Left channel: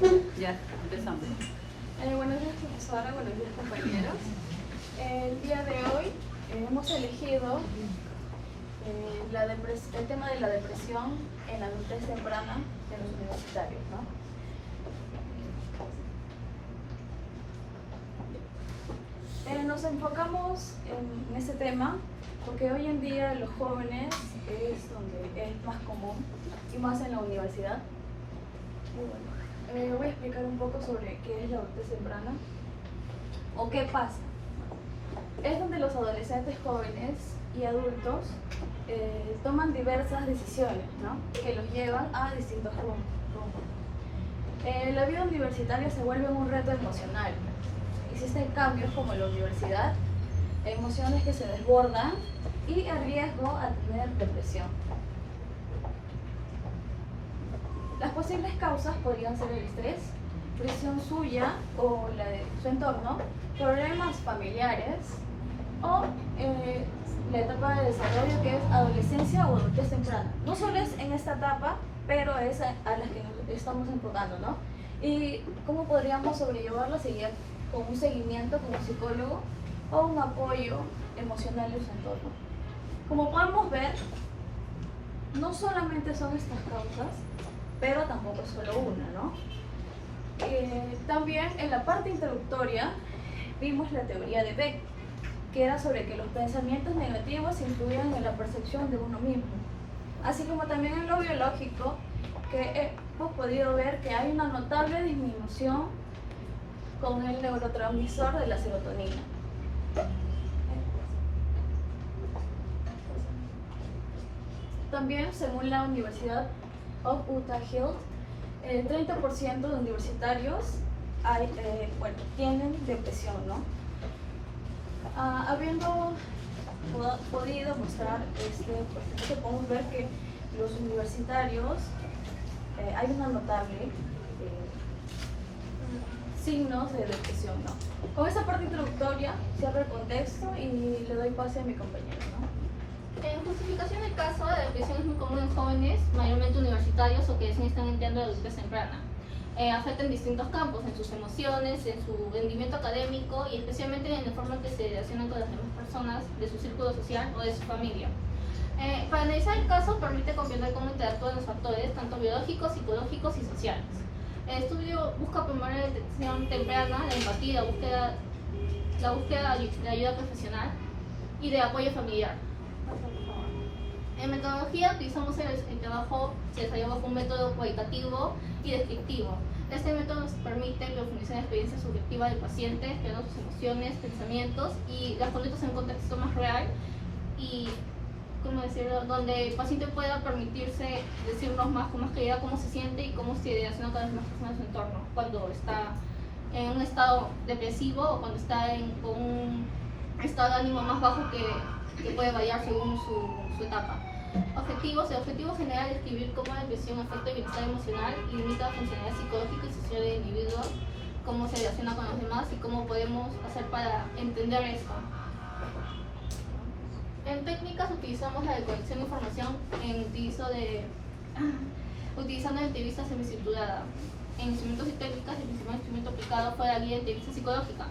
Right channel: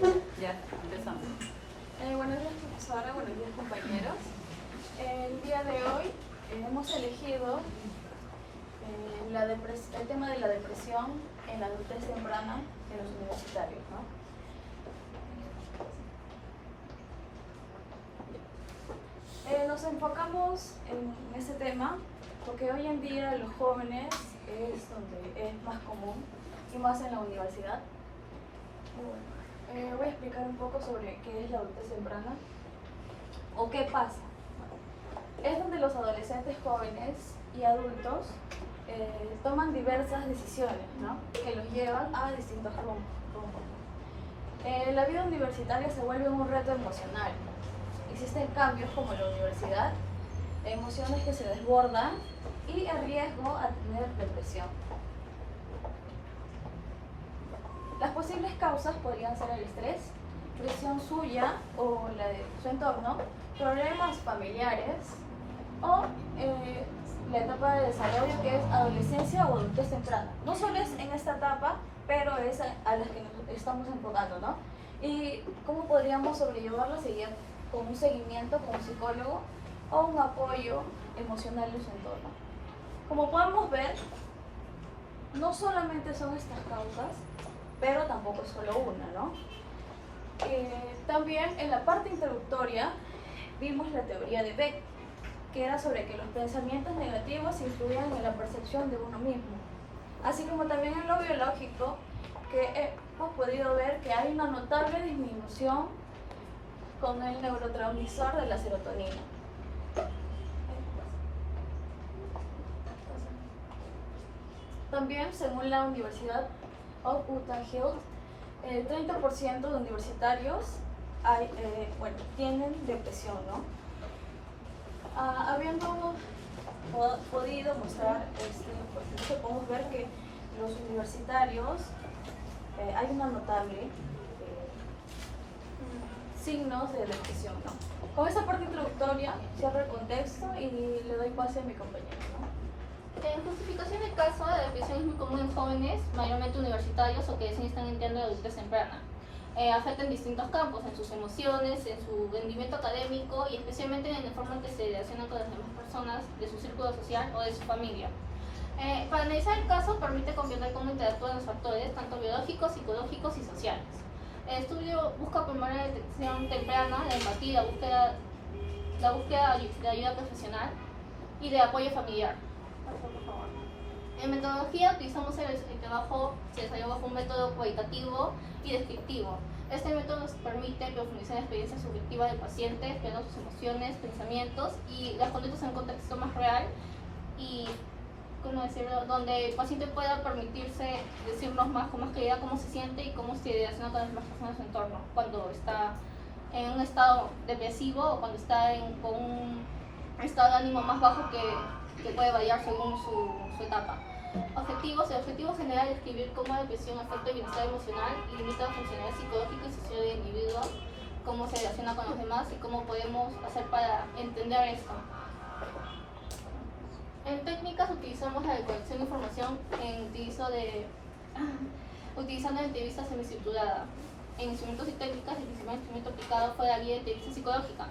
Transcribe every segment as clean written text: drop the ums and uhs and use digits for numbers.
Ya, empezamos. Buenos días, profesora. Buenos días, compañeros. El día de hoy hemos elegido el tema de la depresión en la adultez temprana de los universitarios, ¿no? Nos enfocamos en este tema porque hoy en día los jóvenes es donde es más común y más en la universidad. Voy a explicar un poco sobre qué es la adultez temprana o qué pasa. Es donde los adolescentes jóvenes y adultos toman diversas decisiones, ¿no?, que los llevan a distintos rumbos. La vida universitaria se vuelve un reto emocional. Existen cambios como la universidad, emociones que se desbordan y el riesgo a tener depresión. Las posibles causas podrían ser el estrés, presión suya o la de su entorno, problemas familiares o la etapa de desarrollo que es adolescencia o adultez temprana. No solo es en esta etapa, pero es a las que nos estamos enfocando, ¿no? Y cómo podríamos sobrellevarla sería con un seguimiento como psicólogo o un apoyo emocional de su entorno. Como podemos ver, no solamente son estas causas, pero tampoco es solo una, ¿no? También en la parte introductoria vimos la teoría de Beck, que era sobre que los pensamientos negativos influían en la percepción de uno mismo, así como también en lo biológico, que hemos podido ver que hay una notable disminución con el neurotransmisor de la serotonina. También, según la Universidad of Utah Health, el 30% de universitarios tienen depresión, ¿no? Habiendo podido mostrar podemos ver que los universitarios hay una notable signos de depresión, ¿no? Con esta parte introductoria cierro el contexto y le doy pase a mi compañero, ¿no? En justificación del caso, la depresión es muy común en jóvenes, mayormente universitarios o que recién están entrando de adultez temprana. Afecta en distintos campos, en sus emociones, en su rendimiento académico y especialmente en la forma en que se relacionan con las demás personas de su círculo social o de su familia. Para analizar el caso, permite comprender cómo interactúan los factores, tanto biológicos, psicológicos y sociales. El estudio busca promover la detección temprana, la empatía, la búsqueda de ayuda profesional y de apoyo familiar. En metodología utilizamos el trabajo, se desarrolla bajo un método cualitativo y descriptivo. Este método nos permite profundizar en la experiencia subjetiva del paciente, explorar sus emociones, pensamientos y las conductas en un contexto más real y, ¿cómo decirlo?, donde el paciente pueda permitirse decirnos más con más claridad cómo se siente y cómo se relaciona con las demás personas de su entorno cuando está en un estado depresivo o cuando está con un estado de ánimo más bajo que puede variar según su etapa. Objetivos. El objetivo general es describir cómo la depresión afecta el bienestar emocional y limita la funcionalidad psicológica y social del individuo, cómo se relaciona con los demás y cómo podemos hacer para entender esto. En técnicas utilizamos la recolección de información utilizando la entrevista semicirculada. En instrumentos y técnicas, el principal instrumento aplicado fue la guía de entrevista psicológica,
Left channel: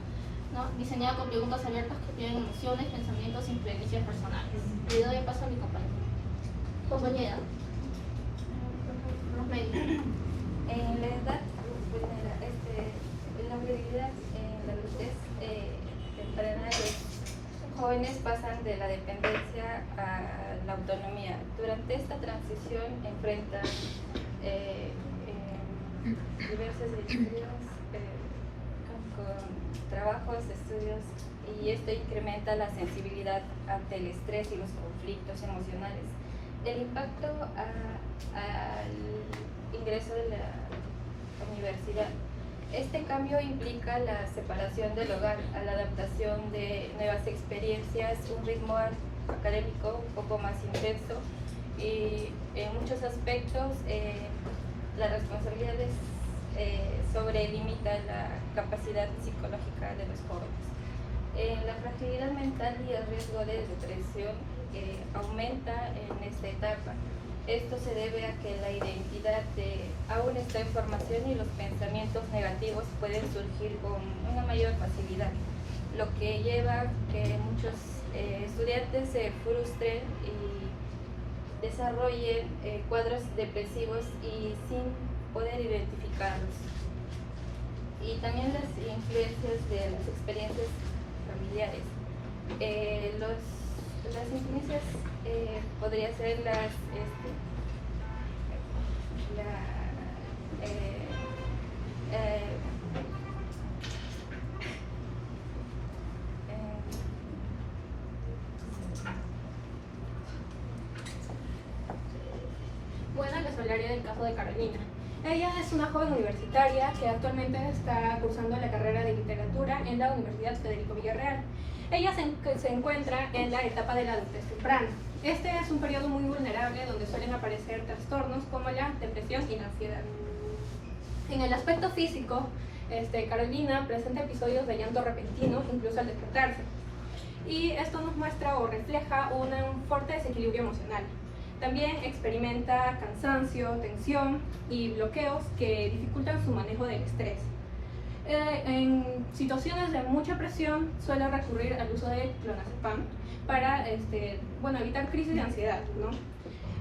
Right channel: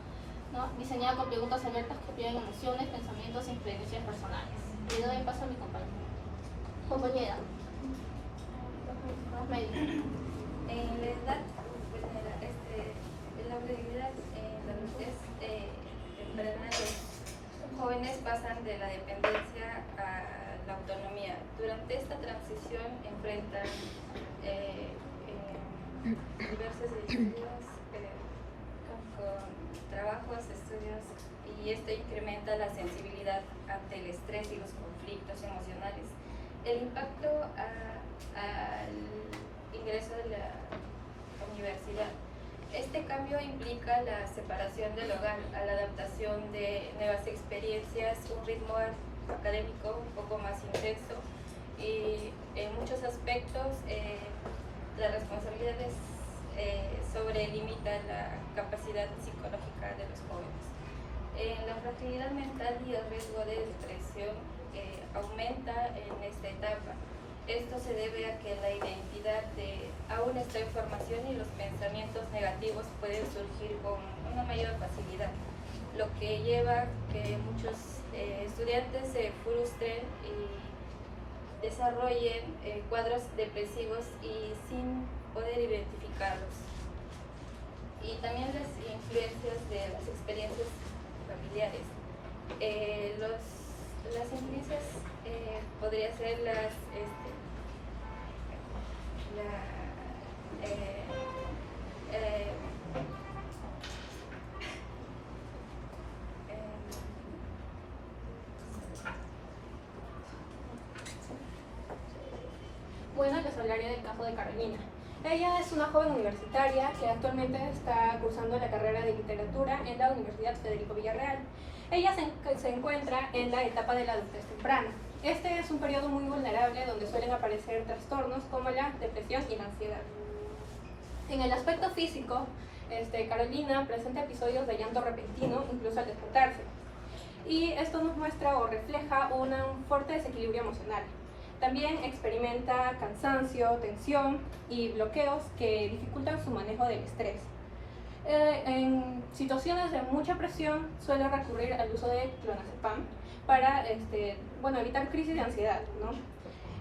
¿no?, diseñada con preguntas abiertas que piden emociones, pensamientos y experiencias personales. Le doy paso a mi compañera. La edad, la realidad en la adultez temprana, los jóvenes pasan de la dependencia a la autonomía. Durante esta transición enfrentan diversos desafíos con trabajos, estudios, y esto incrementa la sensibilidad ante el estrés y los conflictos emocionales. El impacto al ingreso de la universidad. Este cambio implica la separación del hogar, a la adaptación de nuevas experiencias, un ritmo académico un poco más intenso y en muchos aspectos las responsabilidades sobrelimitan la capacidad psicológica de los jóvenes. La fragilidad mental y el riesgo de depresión aumenta en esta etapa. Esto se debe a que la identidad aún está en formación y los pensamientos negativos pueden surgir con una mayor facilidad, lo que lleva a que muchos estudiantes se frustren y desarrollen cuadros depresivos y sin poder identificarlos. Y también las influencias de las experiencias familiares. Las influencias podría ser Bueno, les hablaré del caso de Carolina. Ella es una joven universitaria que actualmente está cursando la carrera de literatura en la Universidad Federico Villarreal. Ella se encuentra en la etapa de la adultez temprana. Este es un periodo muy vulnerable donde suelen aparecer trastornos como la depresión y la ansiedad. En el aspecto físico, Carolina presenta episodios de llanto repentino, incluso al despertarse. Y esto nos muestra o refleja un fuerte desequilibrio emocional. También experimenta cansancio, tensión y bloqueos que dificultan su manejo del estrés. En situaciones de mucha presión suele recurrir al uso de clonazepam para evitar crisis de ansiedad, ¿no?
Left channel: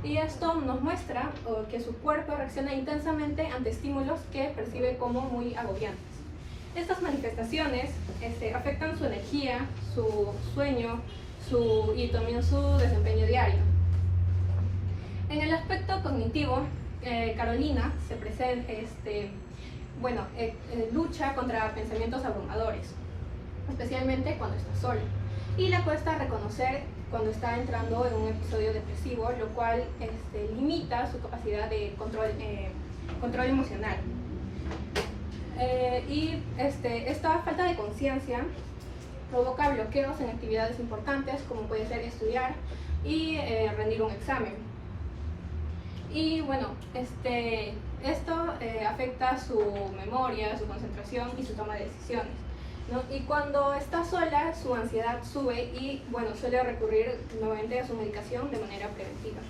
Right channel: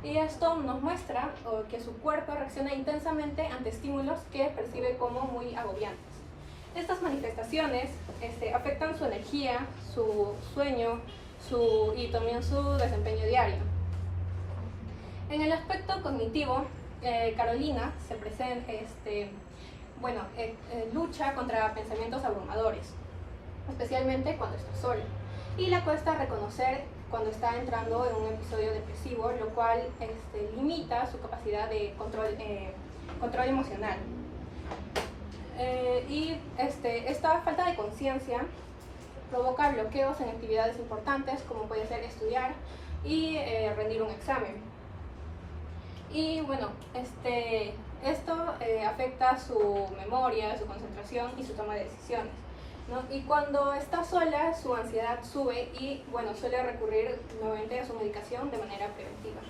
Y esto nos muestra que su cuerpo reacciona intensamente ante estímulos que percibe como muy agobiantes. Estas manifestaciones afectan su energía, su sueño y también su desempeño diario. En el aspecto cognitivo, Carolina lucha contra pensamientos abrumadores, especialmente cuando está sola, y le cuesta reconocer cuando está entrando en un episodio depresivo, lo cual limita su capacidad de control emocional. Esta falta de conciencia provoca bloqueos en actividades importantes, como puede ser estudiar y rendir un examen. Y bueno, esto afecta su memoria, su concentración y su toma de decisiones, ¿no? Y cuando está sola, su ansiedad sube y suele recurrir nuevamente a su medicación de manera preventiva.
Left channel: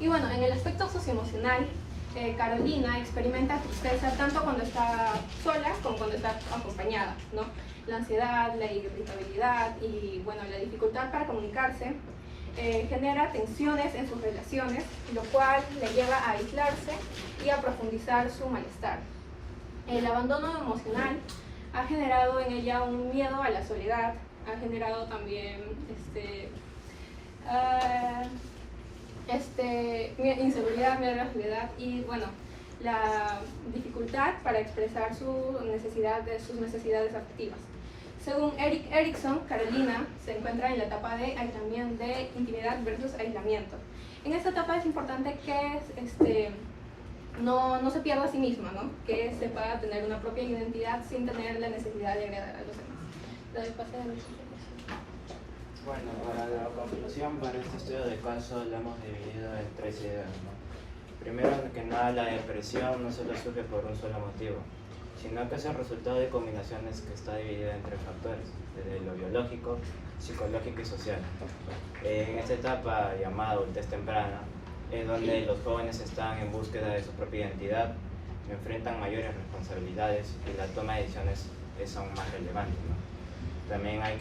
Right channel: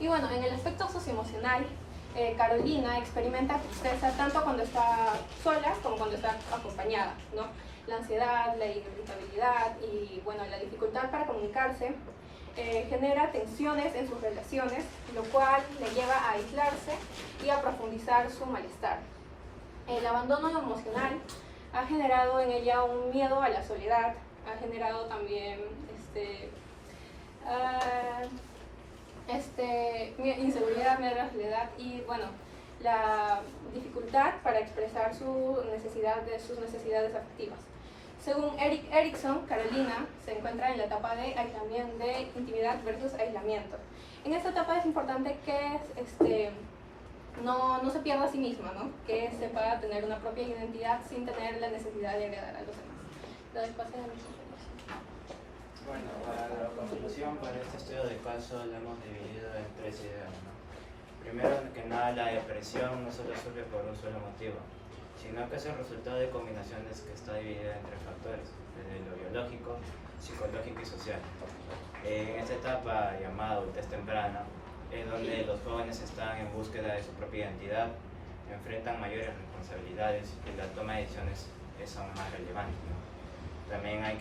Y bueno, en el aspecto socioemocional, Carolina experimenta tristeza tanto cuando está sola como cuando está acompañada, ¿no? La ansiedad, la irritabilidad y la dificultad para comunicarse genera tensiones en sus relaciones, lo cual le lleva a aislarse y a profundizar su malestar. El abandono emocional ha generado en ella un miedo a la soledad, ha generado también inseguridad, miedo a la soledad y la dificultad para expresar sus necesidades afectivas. Según Erik Erikson, Carolina se encuentra en la etapa de intimidad versus aislamiento. En esta etapa es importante que no se pierda a sí misma, ¿no? Que sepa tener una propia identidad sin tener la necesidad de agradar a los demás. Bueno, para la conclusión, para este estudio de caso lo hemos dividido en 3 ideas, ¿no? Primero que nada, la depresión no solo surge por un solo motivo, sino que es el resultado de combinaciones que está dividida en 3 factores, desde lo biológico, psicológico y social. En esta etapa llamada adultez temprana, es donde los jóvenes están en búsqueda de su propia identidad, enfrentan mayores responsabilidades y la toma de decisiones son más relevantes, ¿no? También hay